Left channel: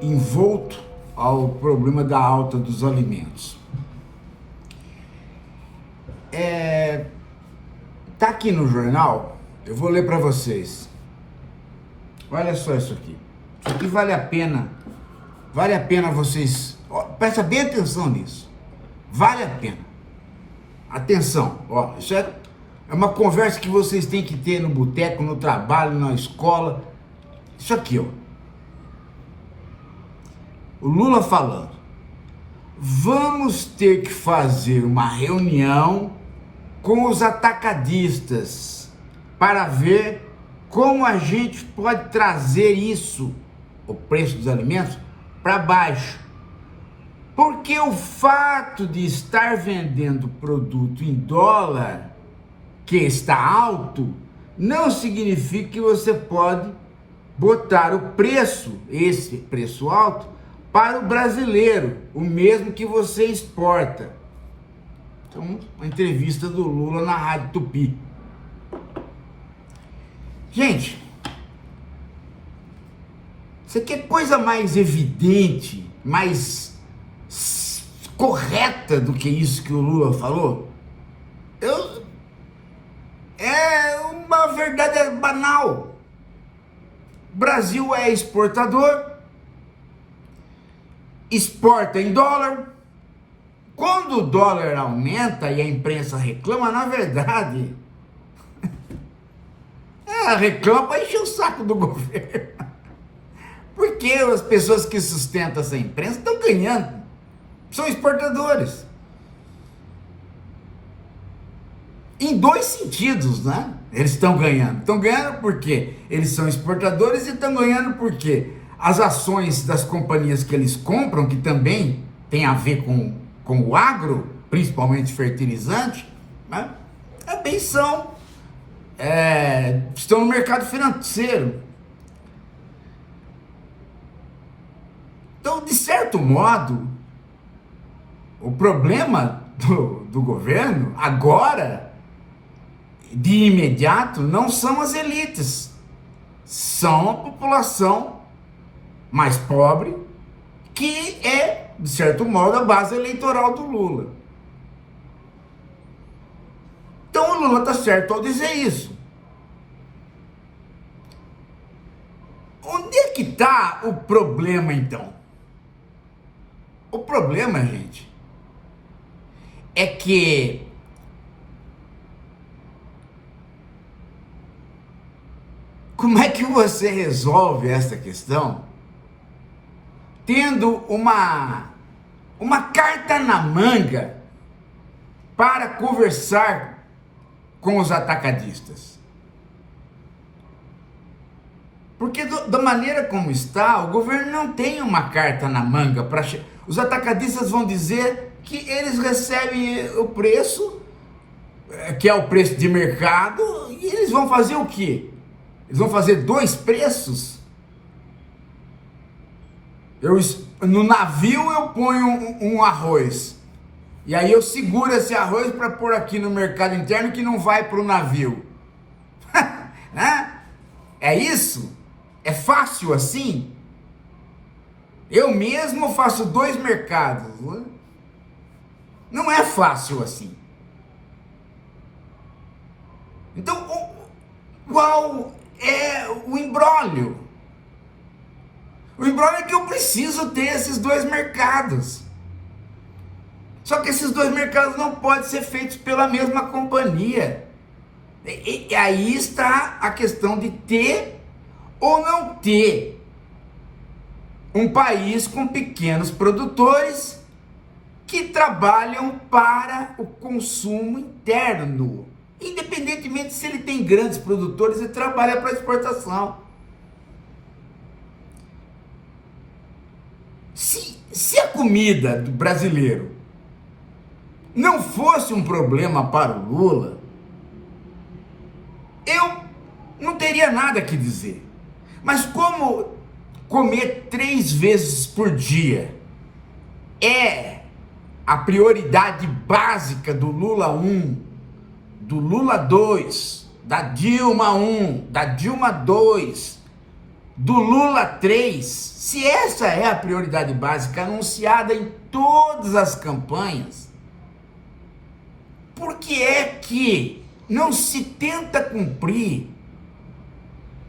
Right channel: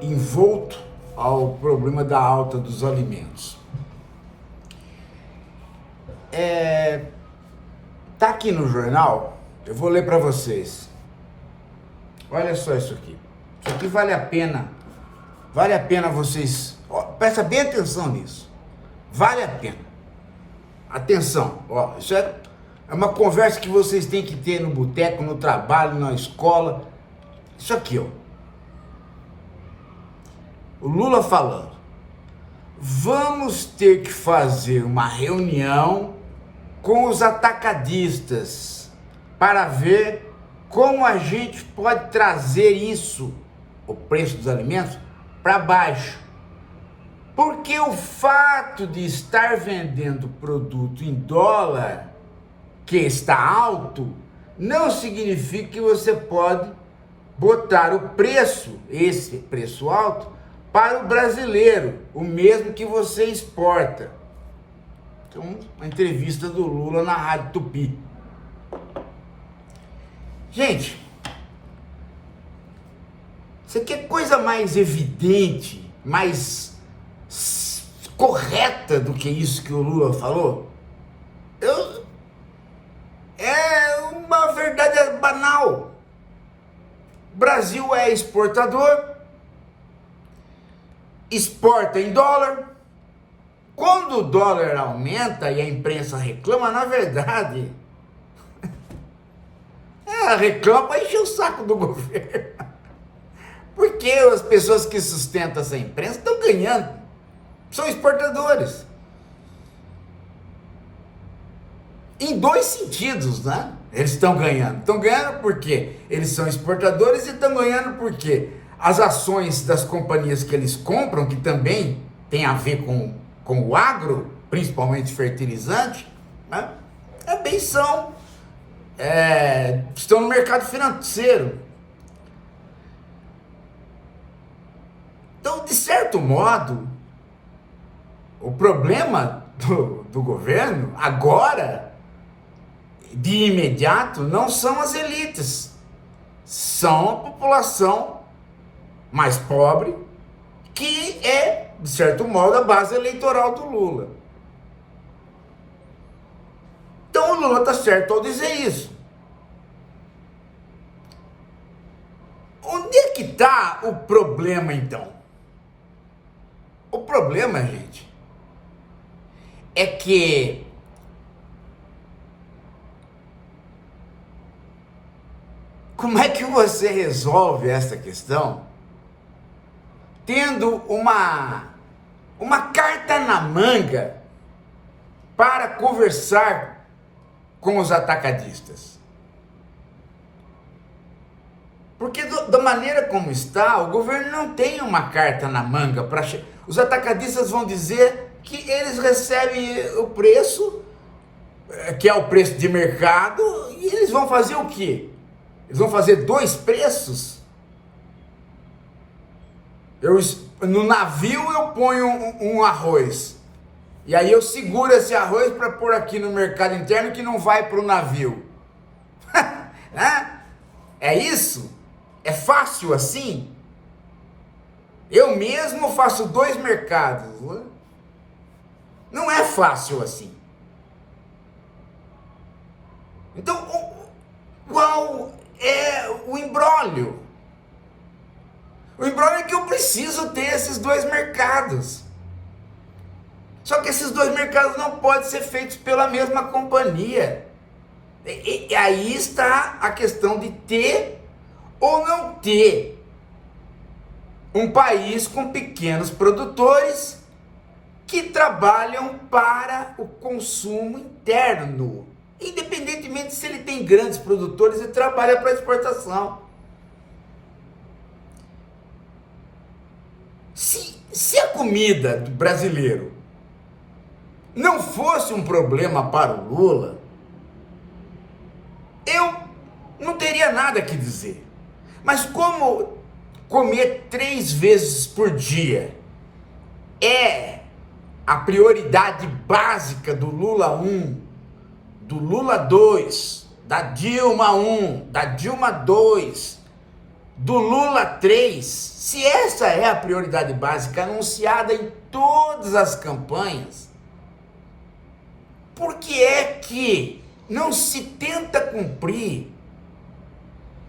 envolto ao problema da alta dos alimentos. Tá aqui no jornal, eu vou ler para vocês. Olha só isso aqui. Isso aqui vale a pena vocês, presta bem atenção nisso. Vale a pena. Atenção, isso é uma conversa que vocês têm que ter no boteco, no trabalho, na escola. Isso aqui, o Lula falando: vamos ter que fazer uma reunião com os atacadistas para ver como a gente pode trazer isso, o preço dos alimentos, para baixo. Porque o fato de estar vendendo produto em dólar, que está alto, não significa que você pode botar o preço, esse preço alto, para o brasileiro, o mesmo que você exporta. Então, uma entrevista do Lula na Rádio Tupi. Gente, você quer coisa mais evidente, mais correta do que isso que o Lula falou? É uma verdade banal. O Brasil é exportador, exporta em dólar. Quando o dólar aumenta e a imprensa reclama, na verdade, reclama para encher o saco do governo. Porque as pessoas que sustentam essa imprensa estão ganhando, são exportadores. Em dois sentidos, né? Eles estão ganhando. Estão ganhando porque eles são exportadores e estão ganhando porque as ações das companhias que eles compram, que também tem a ver com o agro, principalmente fertilizante, né? Também estão no mercado financeiro. Então, de certo modo, o problema do governo agora, de imediato, não são as elites, são a população mais pobre, que é, de certo modo, a base eleitoral do Lula. Então o Lula está certo ao dizer isso. Onde é que está o problema, então? O problema, gente, é que como é que você resolve essa questão tendo uma carta na manga para conversar com os atacadistas? Porque da maneira como está, o governo não tem uma carta na manga para... Os atacadistas vão dizer que eles recebem o preço, que é o preço de mercado, e eles vão fazer o quê? Eles vão fazer dois preços? No navio eu ponho um arroz, e aí eu seguro esse arroz para pôr aqui no mercado interno que não vai para o navio. É isso? É fácil assim? Eu mesmo faço dois mercados. Não é fácil assim. Então, qual é o imbróglio? O imbróglio é que eu preciso ter esses dois mercados. Só que esses dois mercados não podem ser feitos pela mesma companhia. E aí está a questão de ter ou não ter um país com pequenos produtores que trabalham para o consumo interno, independentemente se ele tem grandes produtores e trabalha para exportação. Se a comida do brasileiro não fosse um problema para o Lula, eu não teria nada que dizer. Mas como comer 3 vezes por dia é a prioridade básica do Lula 1, do Lula 2, da Dilma 1, da Dilma 2, do Lula 3, se essa é a prioridade básica anunciada em todas as campanhas, por que é que não se tenta cumprir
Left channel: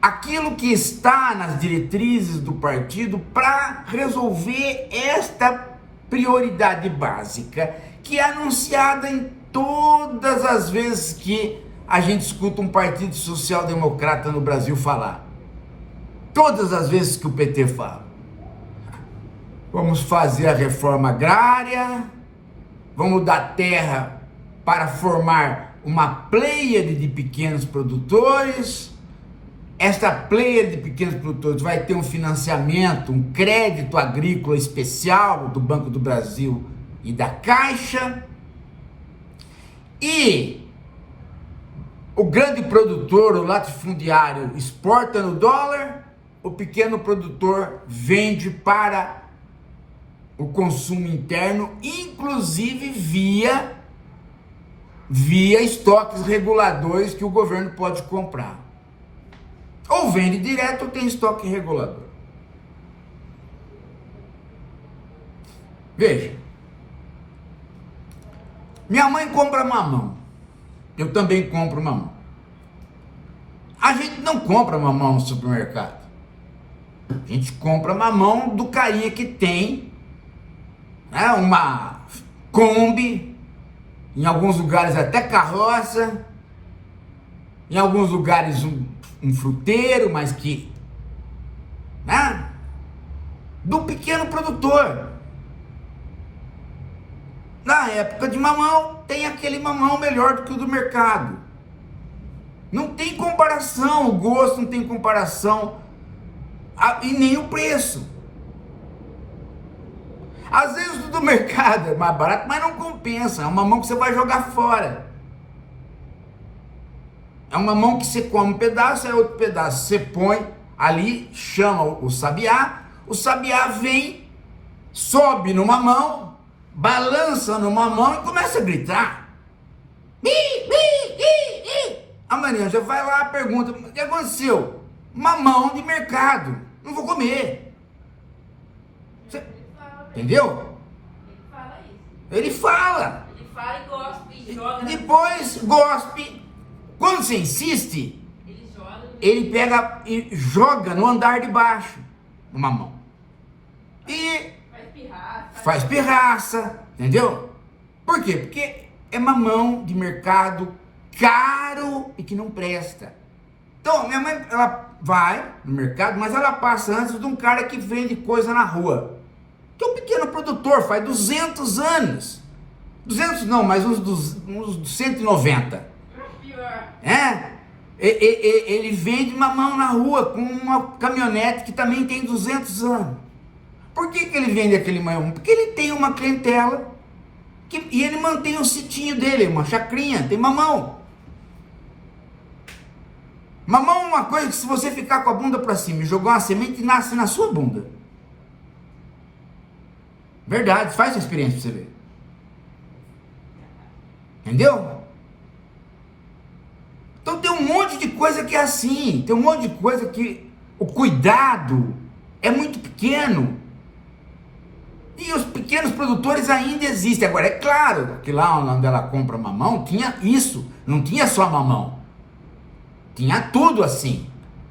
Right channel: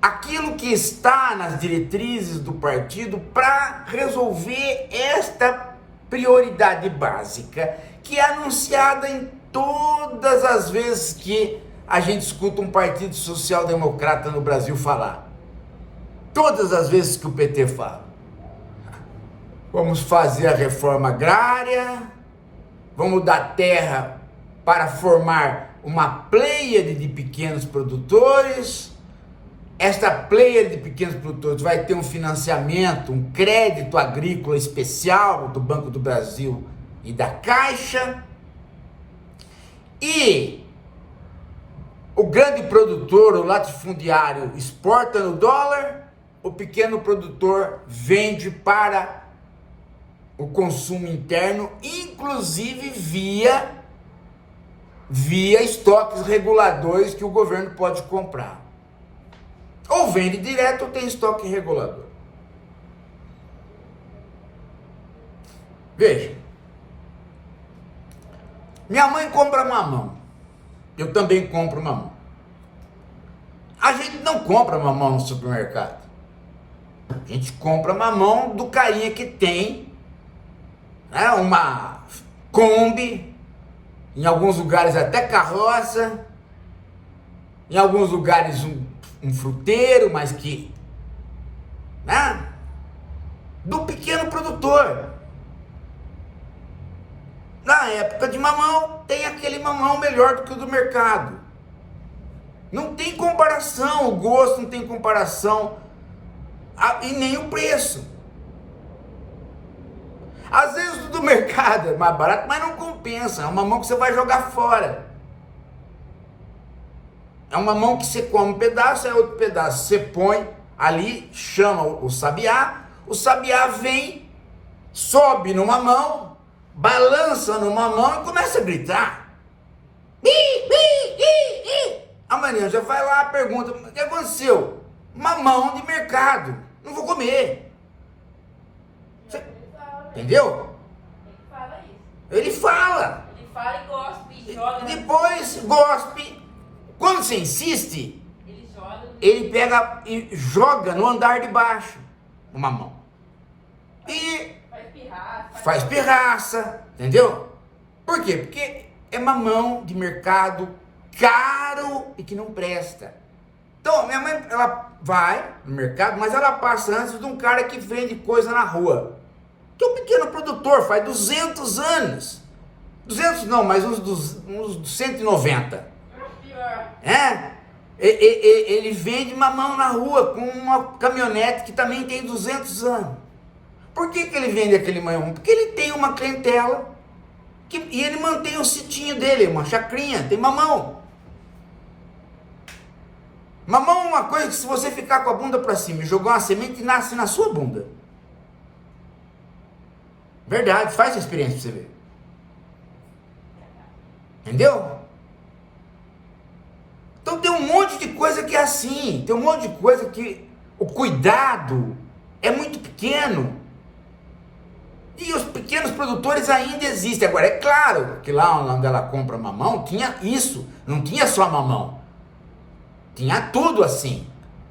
aquilo que está nas diretrizes do partido para resolver esta prioridade básica, que é anunciada em todas as vezes que a gente escuta um partido social-democrata no Brasil falar? Todas as vezes que o PT fala: vamos fazer a reforma agrária, vamos dar terra para formar uma pleiade de pequenos produtores. Esta pleiade de pequenos produtores vai ter um financiamento, um crédito agrícola especial do Banco do Brasil e da Caixa. E o grande produtor, o latifundiário, exporta no dólar, o pequeno produtor vende para o consumo interno, inclusive via estoques reguladores que o governo pode comprar. Ou vende direto ou tem estoque regulador. Veja, minha mãe compra mamão, eu também compro mamão. A gente não compra mamão no supermercado. A gente compra mamão do carinha que tem, né, uma Kombi, em alguns lugares até carroça, em alguns lugares um fruteiro, mas que, né, do pequeno produtor. Na época de mamão, tem aquele mamão melhor do que o do mercado. Não tem comparação, o gosto não tem comparação, e nem o preço. Às vezes o do mercado é mais barato, mas não compensa. É um mamão que você vai jogar fora. É um mamão que você come um pedaço, é outro pedaço. Você põe ali, chama o sabiá vem, sobe no mamão, balança no mamão e começa a gritar. A Maria já vai lá e pergunta: o que aconteceu? Mamão de mercado, não vou comer. Entendeu? Ele fala. Ele fala e gospe, joga. Depois gospe. Quando você insiste, ele pega e joga no andar de baixo o mamão. E faz pirraça, entendeu? Por quê? Porque é mamão de mercado caro e que não presta. Então, minha mãe, ela vai no mercado, mas ela passa antes de um cara que vende coisa na rua. Que é um pequeno produtor, faz 200 anos. 200 não, mas uns 190. Ele vende mamão na rua com uma caminhonete que também tem 200 anos. Por que ele vende aquele mamão? Porque ele tem uma clientela e ele mantém o sitinho dele, uma chacrinha, tem mamão. Mamão é uma coisa que, se você ficar com a bunda para cima e jogar uma semente, nasce na sua bunda. Verdade, faz essa experiência pra você ver. Entendeu? Então tem um monte de coisa que é assim, tem um monte de coisa que o cuidado é muito pequeno. E os pequenos produtores ainda existem. Agora, é claro que lá onde ela compra mamão, tinha isso, não tinha só mamão. Tinha tudo assim.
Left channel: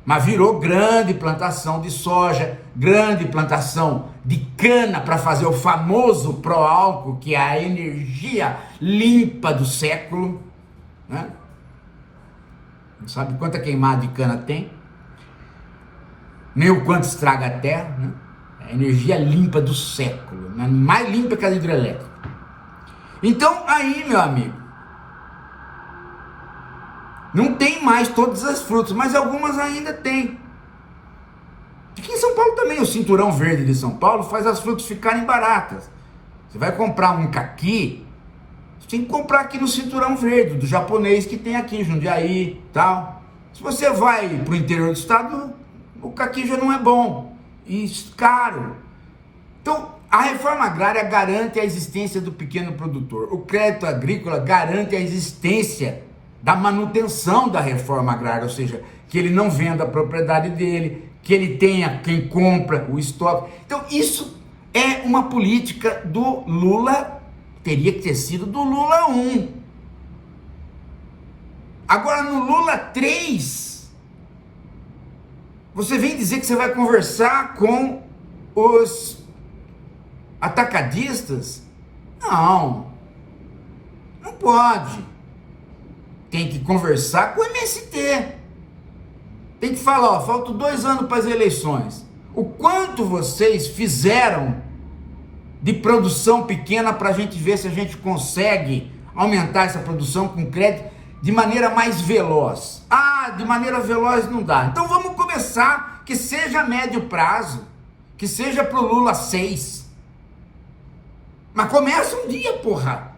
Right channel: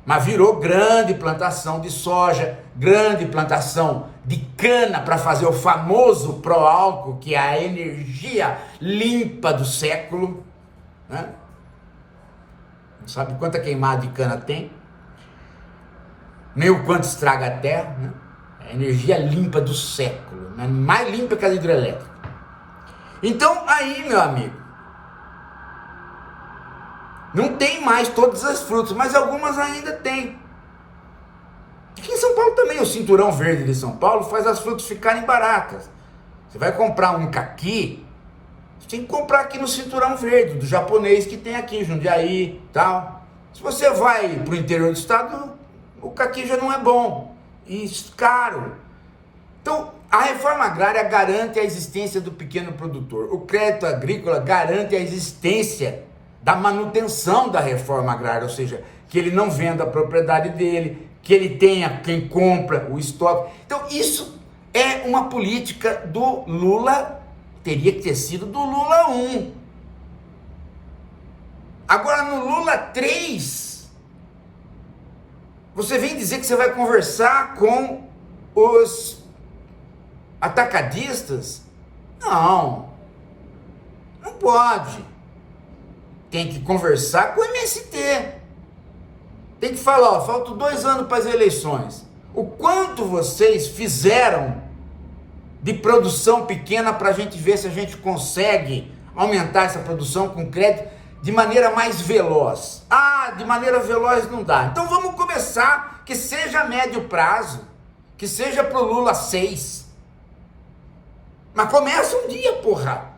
Mas virou grande plantação de soja, grande plantação de cana para fazer o famoso pró-álcool, que é a energia limpa do século, né? Não sabe quanta queimada de cana tem, nem o quanto estraga a terra, né? É a energia limpa do século, né? Mais limpa que a hidrelétrica. Então aí, meu amigo, não tem mais todas as frutas, mas algumas ainda tem. Aqui em São Paulo também, o cinturão verde de São Paulo faz as frutas ficarem baratas. Você vai comprar um caqui, você tem que comprar aqui no cinturão verde, do japonês que tem aqui, Jundiaí, tal. Se você vai para o interior do estado, o caqui já não é bom e caro. Então, a reforma agrária garante a existência do pequeno produtor. O crédito agrícola garante a existência da manutenção da reforma agrária, ou seja, que ele não venda a propriedade dele, que ele tenha quem compra o estoque. Então isso é uma política do Lula, teria que ter sido do Lula 1. Agora no Lula 3, você vem dizer que você vai conversar com os atacadistas? Não pode. Tem que conversar com o MST. Tem que falar, ó, faltam 2 anos para as eleições. O quanto vocês fizeram de produção pequena para a gente ver se a gente consegue aumentar essa produção com crédito de maneira mais veloz. Ah, de maneira veloz não dá. Então vamos começar, que seja a médio prazo, que seja para o Lula 6. Mas começa um dia, porra.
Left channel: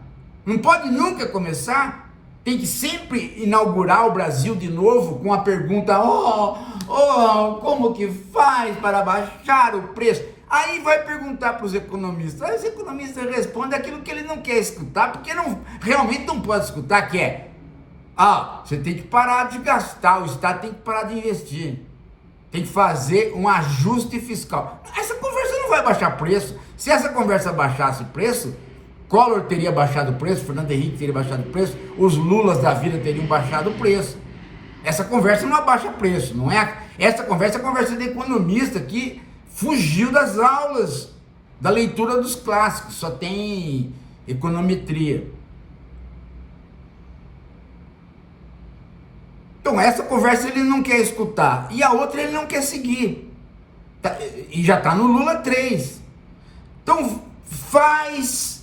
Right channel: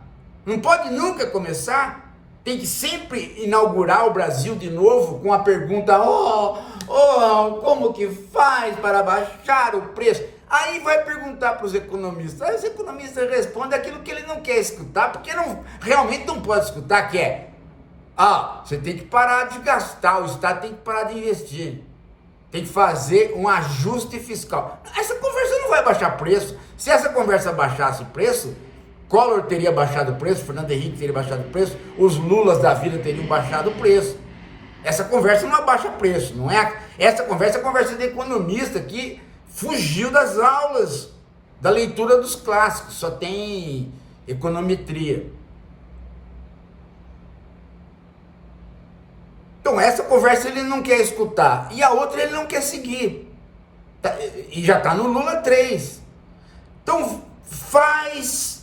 Não pode nunca começar. Tem que sempre inaugurar o Brasil de novo com a pergunta, como que faz para baixar o preço? Aí vai perguntar para os economistas. Aí os economistas respondem aquilo que ele não quer escutar, porque realmente não pode escutar, que é, você tem que parar de gastar, o Estado tem que parar de investir. Tem que fazer um ajuste fiscal. Essa conversa não vai baixar preço. Se essa conversa baixasse preço, Collor teria baixado o preço, Fernando Henrique teria baixado o preço, os Lulas da vida teriam baixado o preço. Essa conversa não abaixa preço, não é? Essa conversa é a conversa de economista que fugiu das aulas, da leitura dos clássicos, só tem econometria. Então essa conversa ele não quer escutar, e a outra ele não quer seguir, e já está no Lula 3. Então faz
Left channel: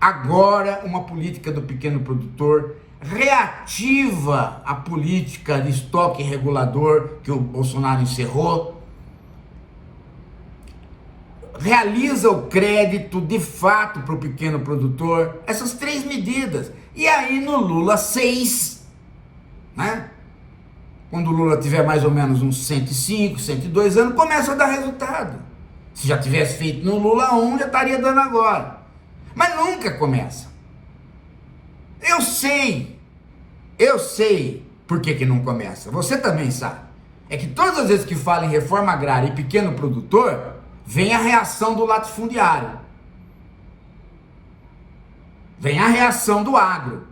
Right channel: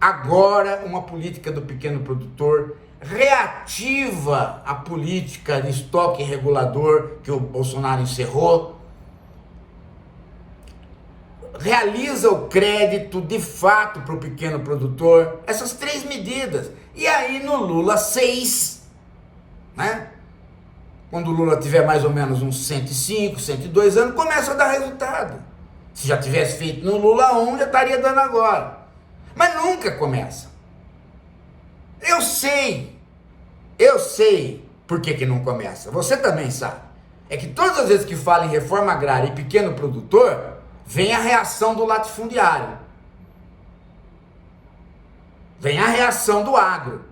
agora uma política do pequeno produtor, reativa a política de estoque regulador que o Bolsonaro encerrou, realiza o crédito de fato para o pequeno produtor, essas 3 medidas, e aí no Lula 6, né? Quando o Lula tiver mais ou menos uns 105, 102 anos, começa a dar resultado. Se já tivesse feito no Lula 1, já estaria dando agora. Mas nunca começa. Eu sei por que não começa. Você também sabe. É que todas as vezes que fala em reforma agrária e pequeno produtor, vem a reação do latifundiário. Vem a reação do agro.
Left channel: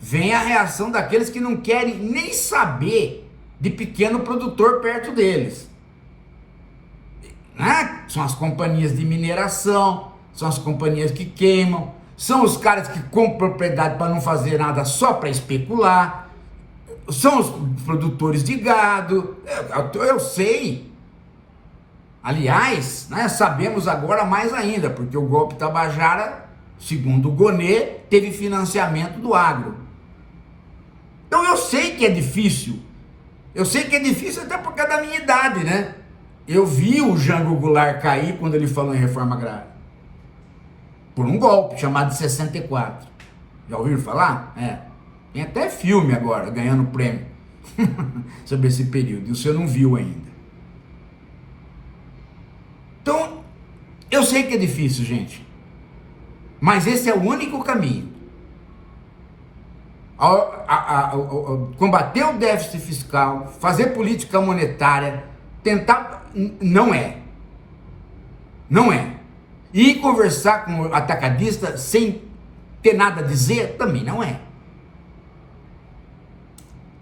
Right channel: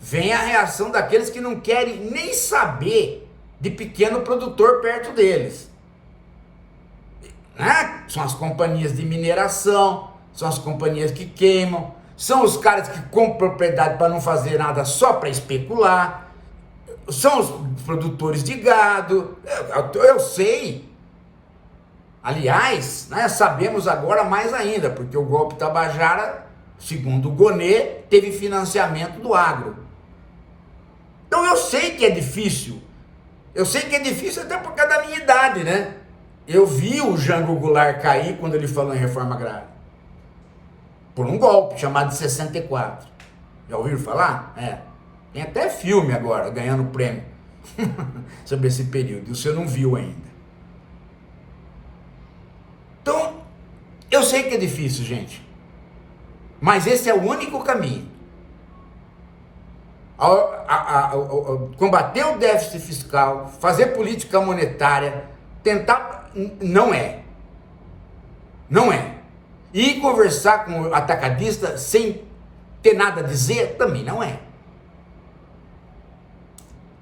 Vem a reação daqueles que não querem nem saber de pequeno produtor perto deles. Né? São as companhias de mineração, são as companhias que queimam, são os caras que compram propriedade para não fazer nada só para especular, são os produtores de gado. Eu sei. Aliás, né, sabemos agora mais ainda, porque o golpe Tabajara, segundo o Gonê, teve financiamento do agro. Então eu sei que é difícil. Eu sei que é difícil até por causa da minha idade, né? Eu vi o Jango Goulart cair quando ele falou em reforma agrária. Por um golpe chamado de 64. Já ouviram falar? Tem até filme agora, ganhando prêmio sobre esse período. E você não viu ainda. Então, eu sei que é difícil, gente. Mas esse é o único caminho. Combater o déficit fiscal, fazer política monetária, tentar... Não é. E conversar com o atacadista sem ter nada a dizer, também não é.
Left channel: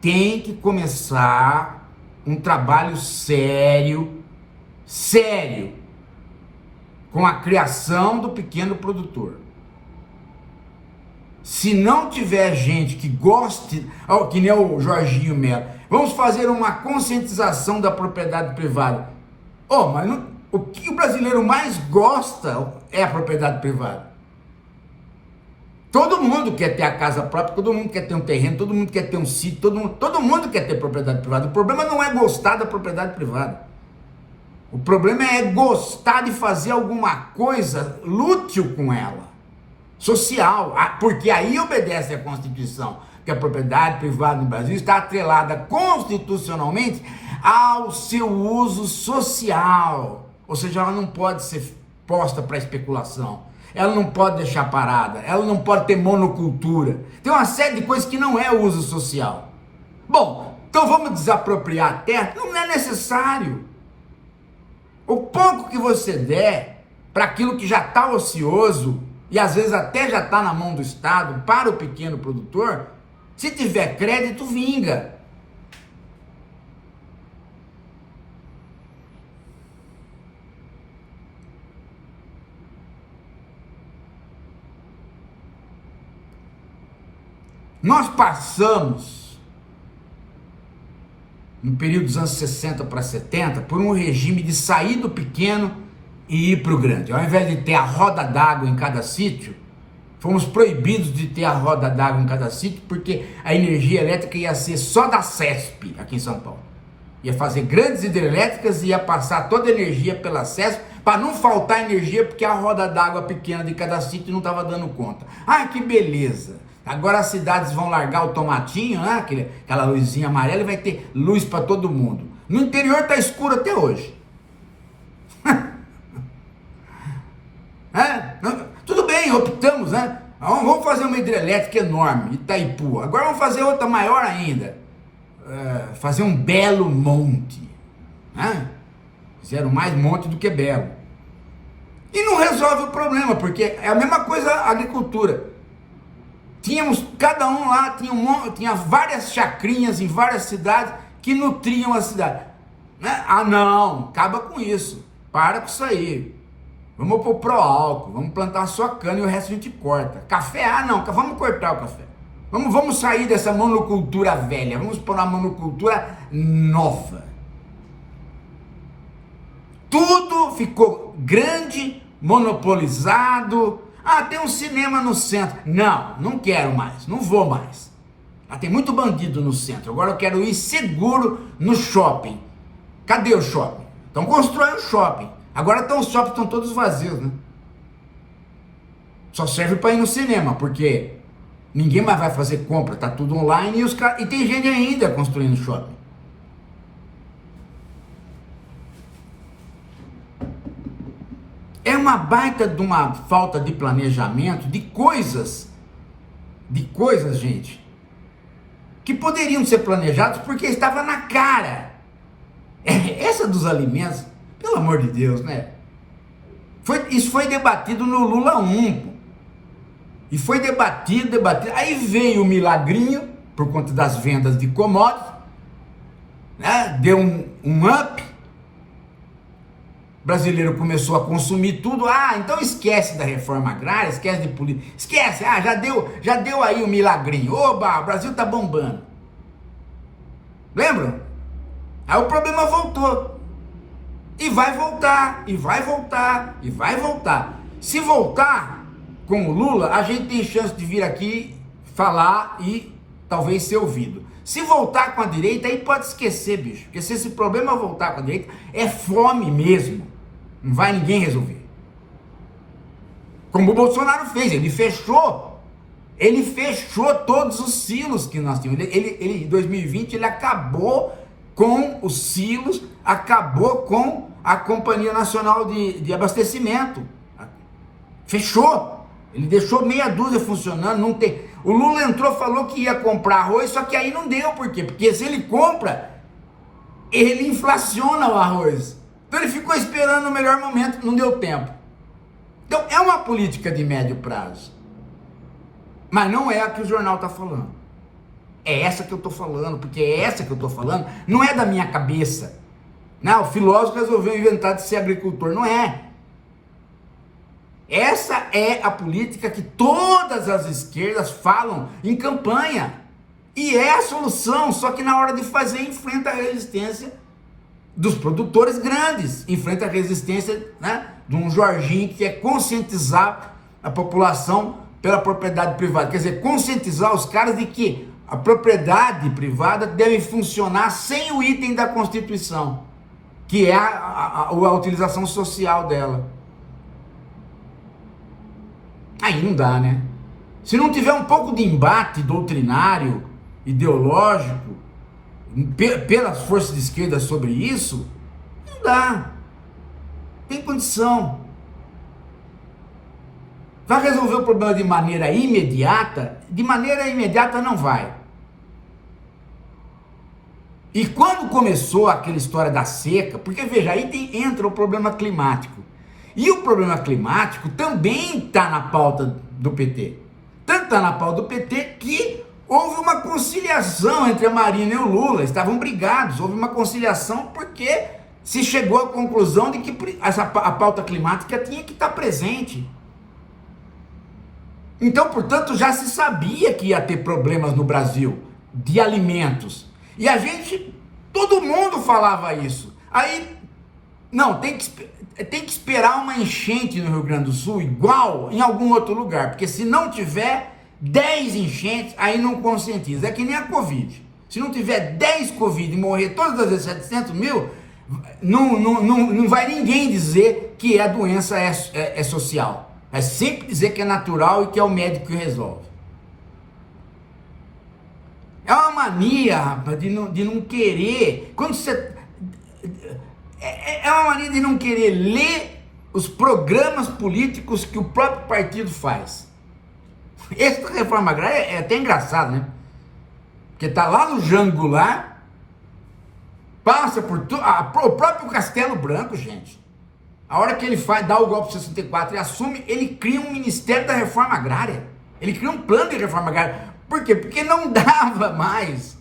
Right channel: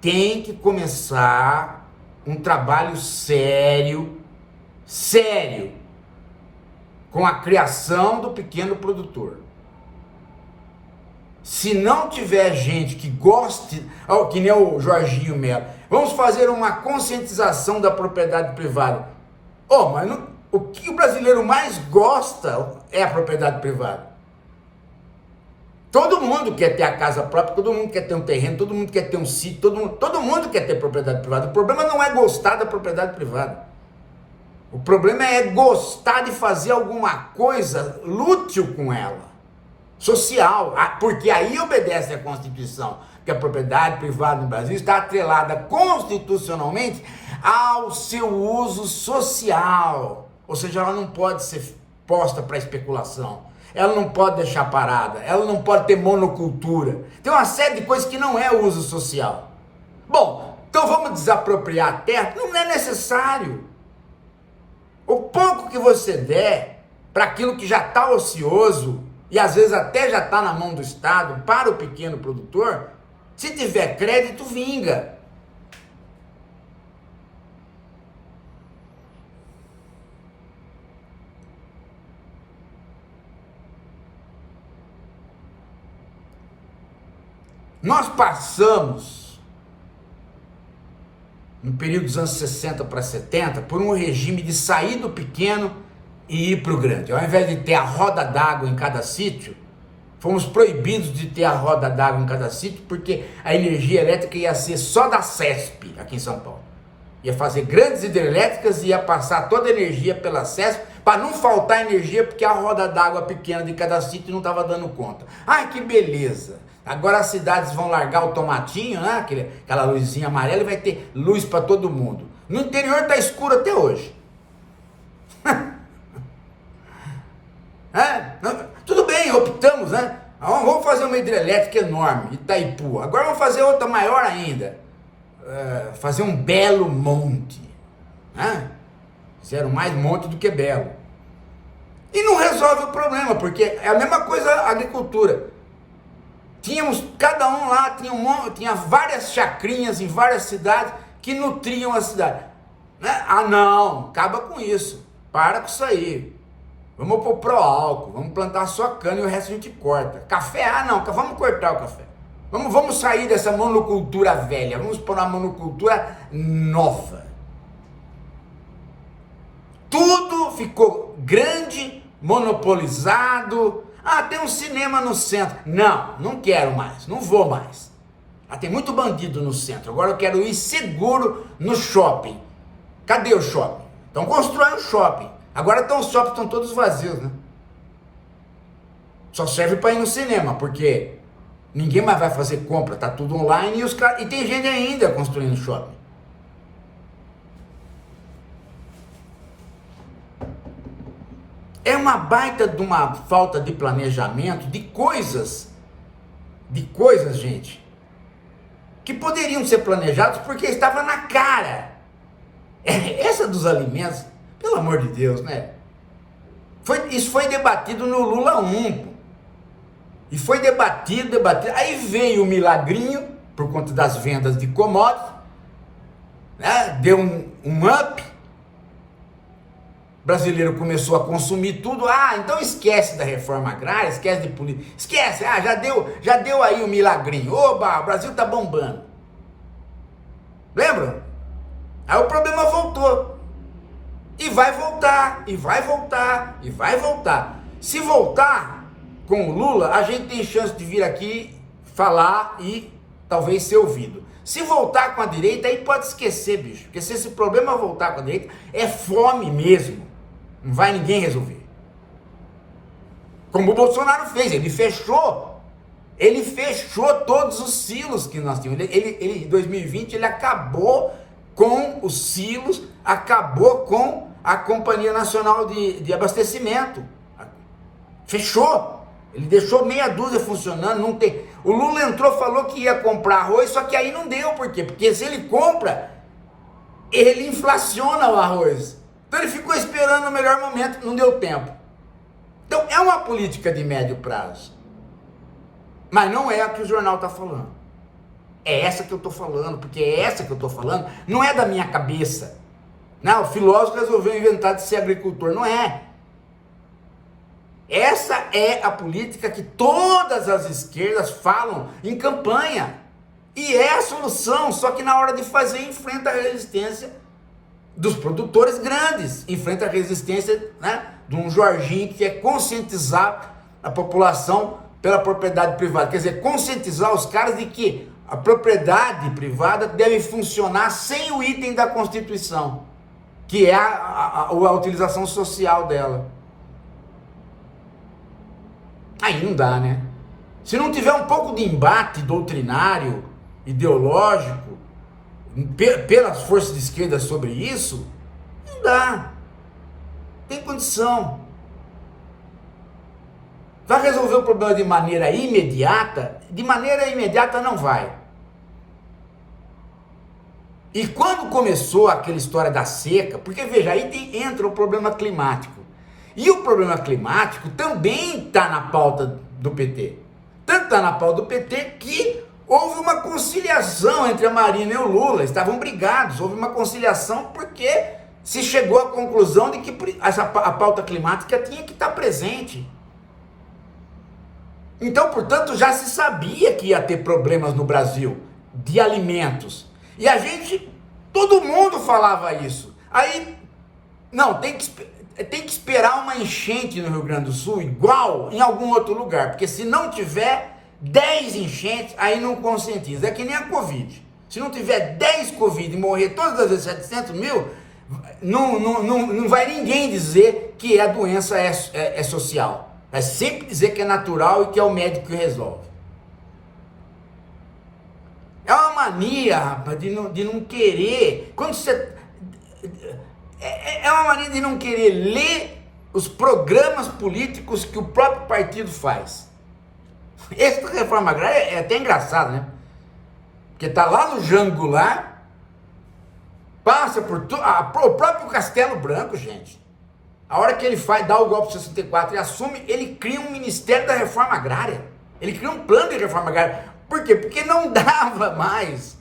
Tem que começar um trabalho sério, com a criação do pequeno produtor. Se não tiver gente que goste, que nem o Jorginho Melo, vamos fazer uma conscientização da propriedade privada. Mas o que o brasileiro mais gosta é a propriedade privada. Todo mundo quer ter a casa própria, todo mundo quer ter um terreno, todo mundo quer ter um sítio, todo mundo quer ter propriedade privada. O problema não é gostar da propriedade privada. O problema é gostar de fazer alguma coisa útil com ela, social, porque aí obedece à Constituição, que a propriedade privada no Brasil está atrelada constitucionalmente ao seu uso social, ou seja, ela não pode ser posta para especulação, ela não pode deixar parada, ela não pode ter monocultura, tem uma série de coisas que não é uso social. Bom, então vamos desapropriar a terra? Não é necessário. O pouco que você der para aquilo que já está ocioso, e às vezes até já está na mão do Estado, para o pequeno produtor, se tiver crédito, vinga. Nós passamos, no período dos anos 60 para 70, por um regime de sair do pequeno e ir para o grande. Ao invés de ter a roda d'água em cada sítio, fomos proibidos de ter a roda d'água em cada sítio, porque a energia elétrica ia ser só da CESP, aqui em São Paulo. Ia fazer grandes hidrelétricas e ia passar toda a energia pela CESP, para não faltar energia, porque a roda d'água pequena de cada sítio não estava dando conta. Ai, que beleza! Agora as cidades vão largar o tomatinho, né? Aquela luzinha amarela, e vai ter luz para todo mundo. No interior está escuro até hoje. Tudo bem, optamos, né? Vamos fazer uma hidrelétrica enorme, Itaipu. Agora vamos fazer outra maior ainda. Fazer um belo monte. Fizeram mais monte do que belo. E não resolve o problema, porque é a mesma coisa a agricultura. Tínhamos, cada um lá tinha várias chacrinhas em várias cidades que nutriam a cidade. Não, acaba com isso. Para com isso aí. Vamos pôr pró-álcool, vamos plantar só cana e o resto a gente corta. Café, não, vamos cortar o café. Vamos sair dessa monocultura velha, vamos pôr uma monocultura nova. Tudo ficou grande, monopolizado. Tem um cinema no centro. Não quero mais, não vou mais. Tem muito bandido no centro. Agora eu quero ir seguro no shopping. Cadê o shopping? Então constrói um shopping. Agora os shoppings estão todos vazios, né? Só serve para ir no cinema, porque ninguém mais vai fazer compra, tá tudo online e tem gente ainda construindo shopping. É uma baita de uma falta de planejamento de coisas, gente, que poderiam ser planejadas porque estava na cara. Essa dos alimentos, pelo amor de Deus, né? Isso foi debatido no Lula 1. E foi debatido. Aí veio o milagrinho, por conta das vendas de commodities, né? Deu um up. O brasileiro começou a consumir tudo. Então esquece da reforma agrária, esquece de política, esquece, já deu aí o milagrinho. Oba, o Brasil tá bombando. Lembra? Aí o problema voltou. E vai voltar, e vai voltar, e vai voltar. Se voltar com o Lula, a gente tem chance de vir aqui falar e talvez ser ouvido. Se voltar com a direita, aí pode esquecer, bicho. Porque se esse problema voltar com a direita, é fome mesmo. Não vai ninguém resolver. Como o Bolsonaro fez, ele fechou todos os silos que nós tínhamos. Ele em 2020, ele acabou com os silos, acabou com a Companhia Nacional de Abastecimento. Fechou. Ele deixou meia dúzia funcionando, não tem. O Lula entrou, falou que ia comprar arroz, só que aí não deu, por quê? Porque se ele compra, ele inflaciona o arroz. Então ele ficou esperando o melhor momento, não deu tempo. Então é uma política de médio prazo. Mas não é a que o jornal está falando. É essa que eu estou falando, porque é essa que eu estou falando, não é da minha cabeça. Não, o filósofo resolveu inventar de ser agricultor, não é. Essa é a política que todas as esquerdas falam em campanha. E é a solução, só que na hora de fazer enfrenta a resistência dos produtores grandes, enfrenta a resistência, né, de um Jorginho que quer conscientizar a população pela propriedade privada. Quer dizer, conscientizar os caras de que a propriedade privada deve funcionar sem o item da Constituição, que é a utilização social dela. Aí não dá, né? Se não tiver um pouco de embate doutrinário, ideológico, pelas forças de esquerda sobre isso, não dá. Tem condição. Vai resolver o problema de maneira imediata? De maneira imediata não vai. E quando começou aquela história da seca, porque veja, aí entra o problema climático. E o problema climático também está na pauta do PT. Tanto está na pauta do PT que houve uma conciliação entre a Marina e o Lula, estavam brigados, houve uma conciliação porque se chegou à conclusão de que a pauta climática tinha que estar presente. Então, portanto, já se sabia que ia ter problemas no Brasil de alimentos. E a gente, todo mundo falava isso. Aí, não, tem que esperar uma enchente no Rio Grande do Sul, igual em algum outro lugar, porque se não tiver 10 enchentes, aí não conscientiza. É que nem a Covid. Se não tiver 10 Covid e morrer todas as vezes 700 mil, não vai ninguém dizer que a doença é social. Vai sempre dizer que é natural e que é o médico que resolve. É uma mania, rapaz, de não querer. Quando você. É uma mania de não querer ler os programas políticos que o próprio partido faz. Essa reforma agrária é até engraçado, né? Porque tá lá no Jango lá, passa por tudo. O próprio Castelo Branco, gente. A hora que ele dá o golpe de 64 e assume, ele cria um Ministério da Reforma Agrária. Ele cria um plano de reforma agrária. Por quê? Porque não dava mais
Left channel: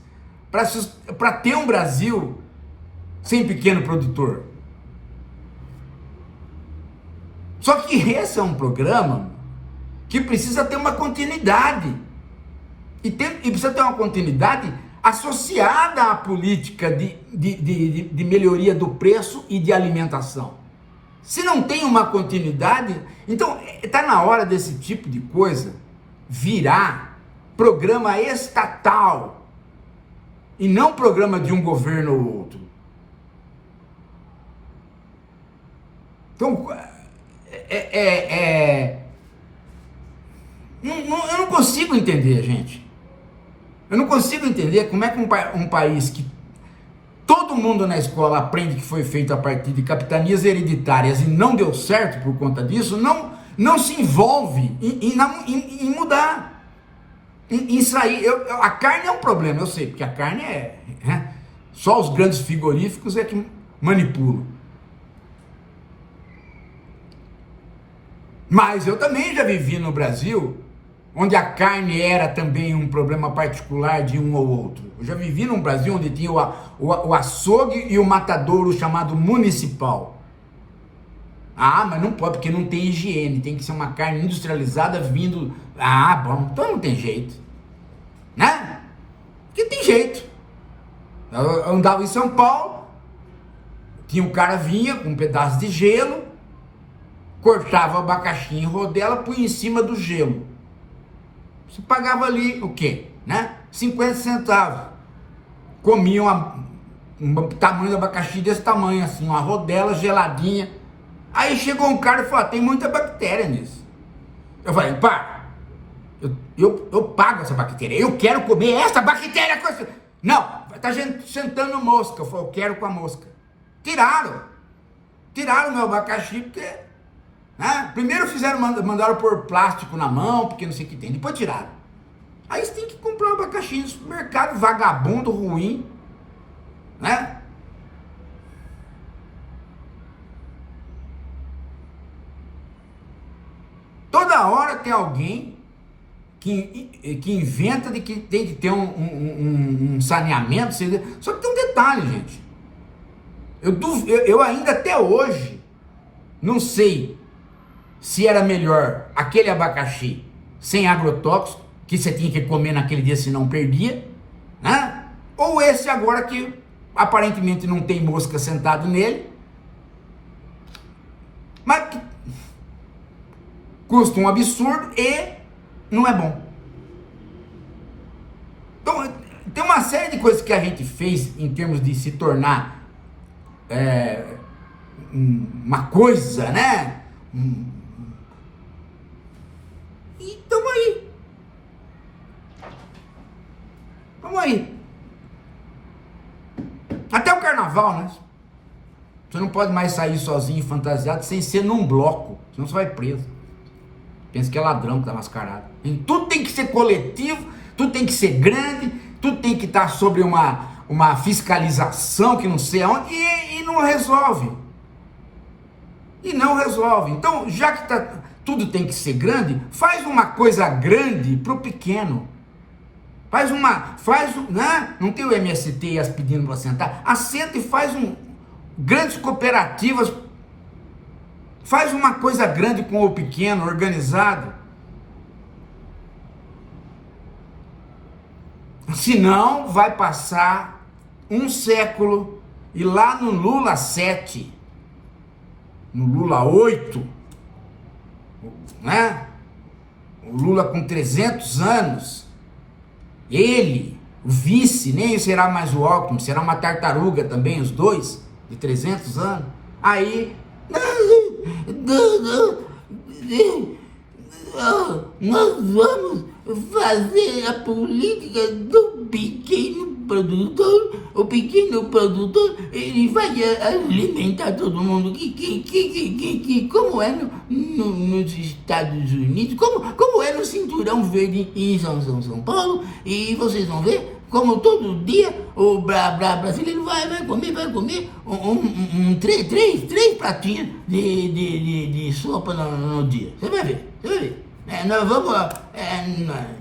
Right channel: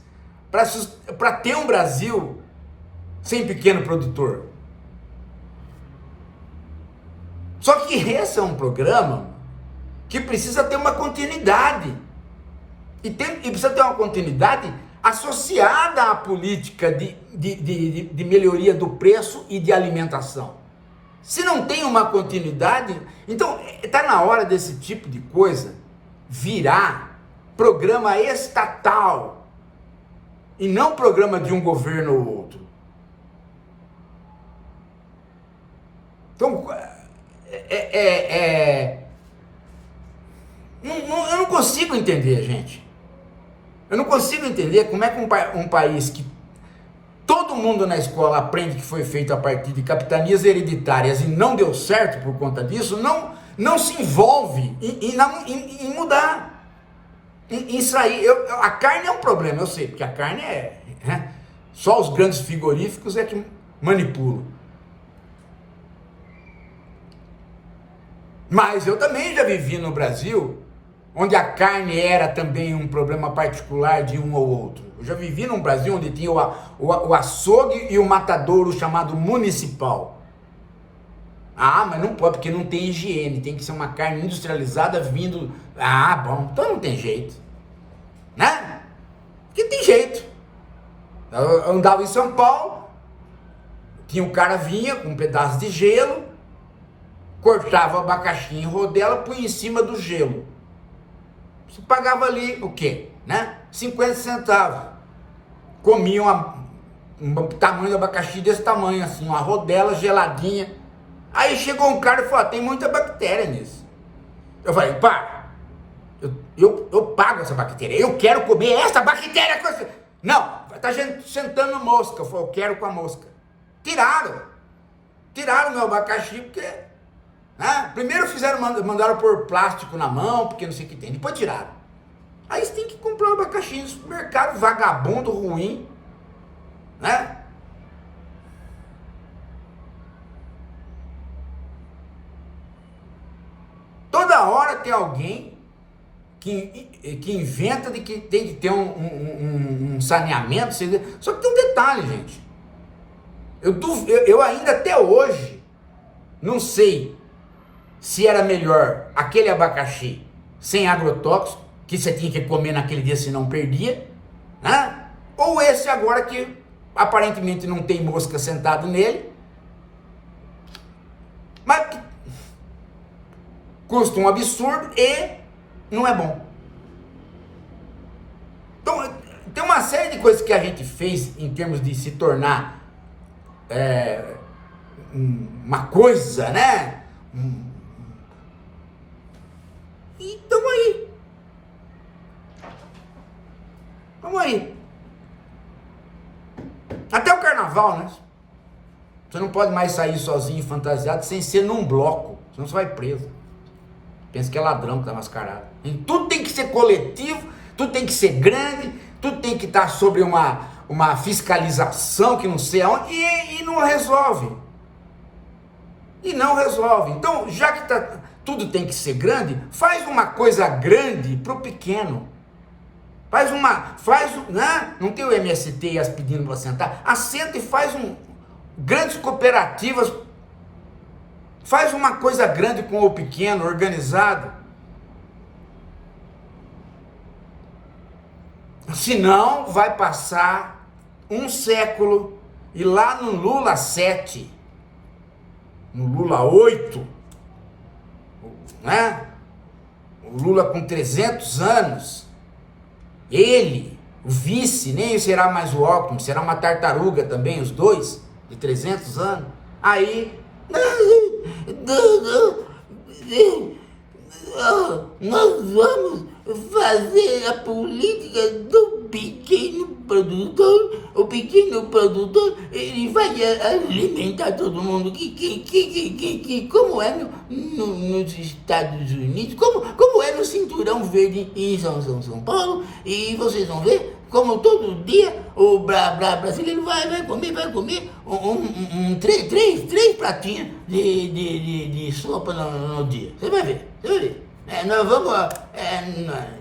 para ter um Brasil sem pequeno produtor. Só que esse é um programa que precisa ter uma continuidade. E precisa ter uma continuidade associada à política de melhoria do preço e de alimentação. Se não tem uma continuidade, então está na hora desse tipo de coisa virar programa estatal e não programa de um governo ou outro. Então, eu não consigo entender, gente. Eu não consigo entender como é que um país que todo mundo na escola aprende que foi feito a partir de capitanias hereditárias e não deu certo por conta disso, não se envolve em mudar, em sair. A carne é um problema, eu sei, porque a carne só os grandes frigoríficos é que manipulam. Mas eu também já vivi no Brasil, onde a carne era também um problema particular de um ou outro. Eu já vivi num Brasil onde tinha o açougue e o matadouro chamado municipal. Ah, mas não pode, porque não tem higiene, tem que ser uma carne industrializada vindo... Ah, bom, então não tem jeito. Né? Porque tem jeito. Eu andava em São Paulo, tinha um cara vinha com um pedaço de gelo, cortava o abacaxi em rodela, punha em cima do gelo. Você pagava ali o quê? Né? 50 centavos. Comia um tamanho de abacaxi desse tamanho, assim, uma rodela geladinha. Aí chegou um cara e falou, tem muita bactéria nisso. Eu falei, pá, eu pago essa bactéria, eu quero comer essa bactéria com você. Não, tá sentando mosca. Eu falei, eu quero com a mosca. Tiraram o meu abacaxi, porque... primeiro mandaram pôr plástico na mão, porque não sei o que tem, depois tiraram. Aí você tem que comprar um abacaxi no supermercado, vagabundo, ruim, né? Toda hora tem alguém que inventa de que tem que ter um saneamento, só que tem um detalhe, gente. Eu ainda até hoje não sei se era melhor aquele abacaxi sem agrotóxico, que você tinha que comer naquele dia se não perdia, né? Ou esse agora que aparentemente não tem mosca sentado nele, mas que custa um absurdo e não é bom. Então, tem uma série de coisas que a gente fez em termos de se tornar uma coisa, né? E tamo aí. Vamos aí. Até o carnaval, né? Você não pode mais sair sozinho, fantasiado, sem ser num bloco. Senão você vai preso. Pensa que é ladrão que tá mascarado. Tudo tem que ser coletivo, tudo tem que ser grande, tudo tem que estar sobre uma uma fiscalização que não sei aonde, e não resolve. E não resolve. Então, já que tudo tem que ser grande, faz uma coisa grande para o pequeno. Né? Não tem o MST e as pedindo para sentar. Assenta e faz grandes cooperativas. Faz uma coisa grande com o pequeno, organizado. Senão, vai passar um século e lá no Lula 7, no Lula 8, né? O Lula com 300 anos, ele, o vice, nem será mais o Alckmin, será uma tartaruga também, os dois, de 300 anos. Aí, nós vamos fazer a política do pequeno produtor. O pequeno produtor, ele vai alimentar todo mundo. Como é nos Estados Unidos, como é no Cinturão Verde em São Paulo, e vocês vão ver como todo dia o brasileiro vai comer três pratinhas de sopa no dia. Você vai ver.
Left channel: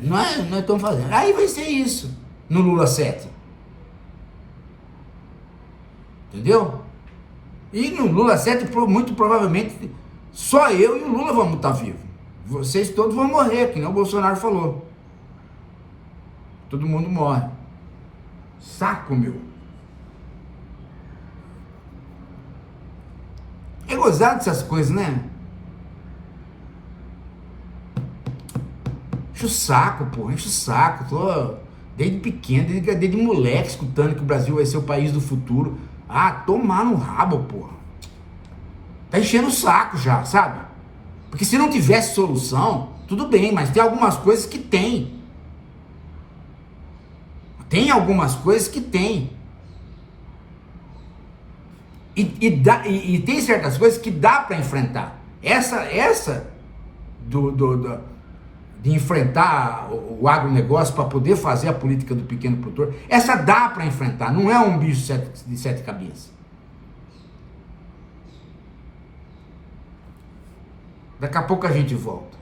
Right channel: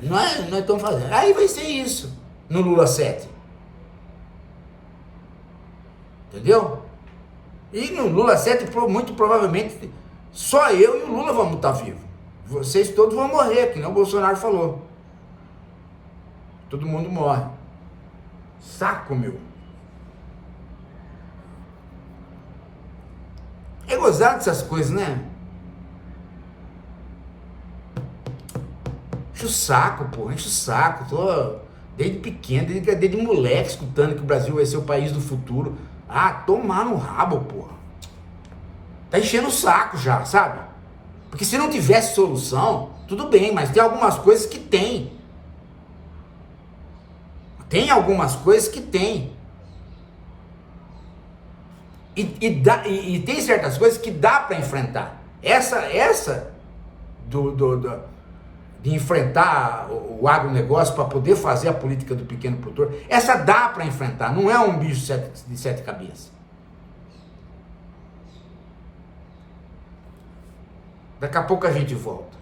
Nós estamos fazendo. Aí vai ser isso no Lula 7. Entendeu? E no Lula 7, muito provavelmente, só eu e o Lula vamos estar vivos. Vocês todos vão morrer, que nem o Bolsonaro falou. Todo mundo morre. Saco, meu. É gozado dessas coisas, né? Enche o saco, pô, enche o saco. Tô desde pequeno, desde moleque, escutando que o Brasil vai ser o país do futuro. Ah, tomar no rabo, porra. Tá enchendo o saco já, sabe? Porque se não tivesse solução, tudo bem, mas tem algumas coisas que tem. Tem algumas coisas que tem. E tem certas coisas que dá para enfrentar. Essa de enfrentar o agronegócio para poder fazer a política do pequeno produtor, essa dá para enfrentar, não é um bicho de sete cabeças. Daqui a pouco a gente volta.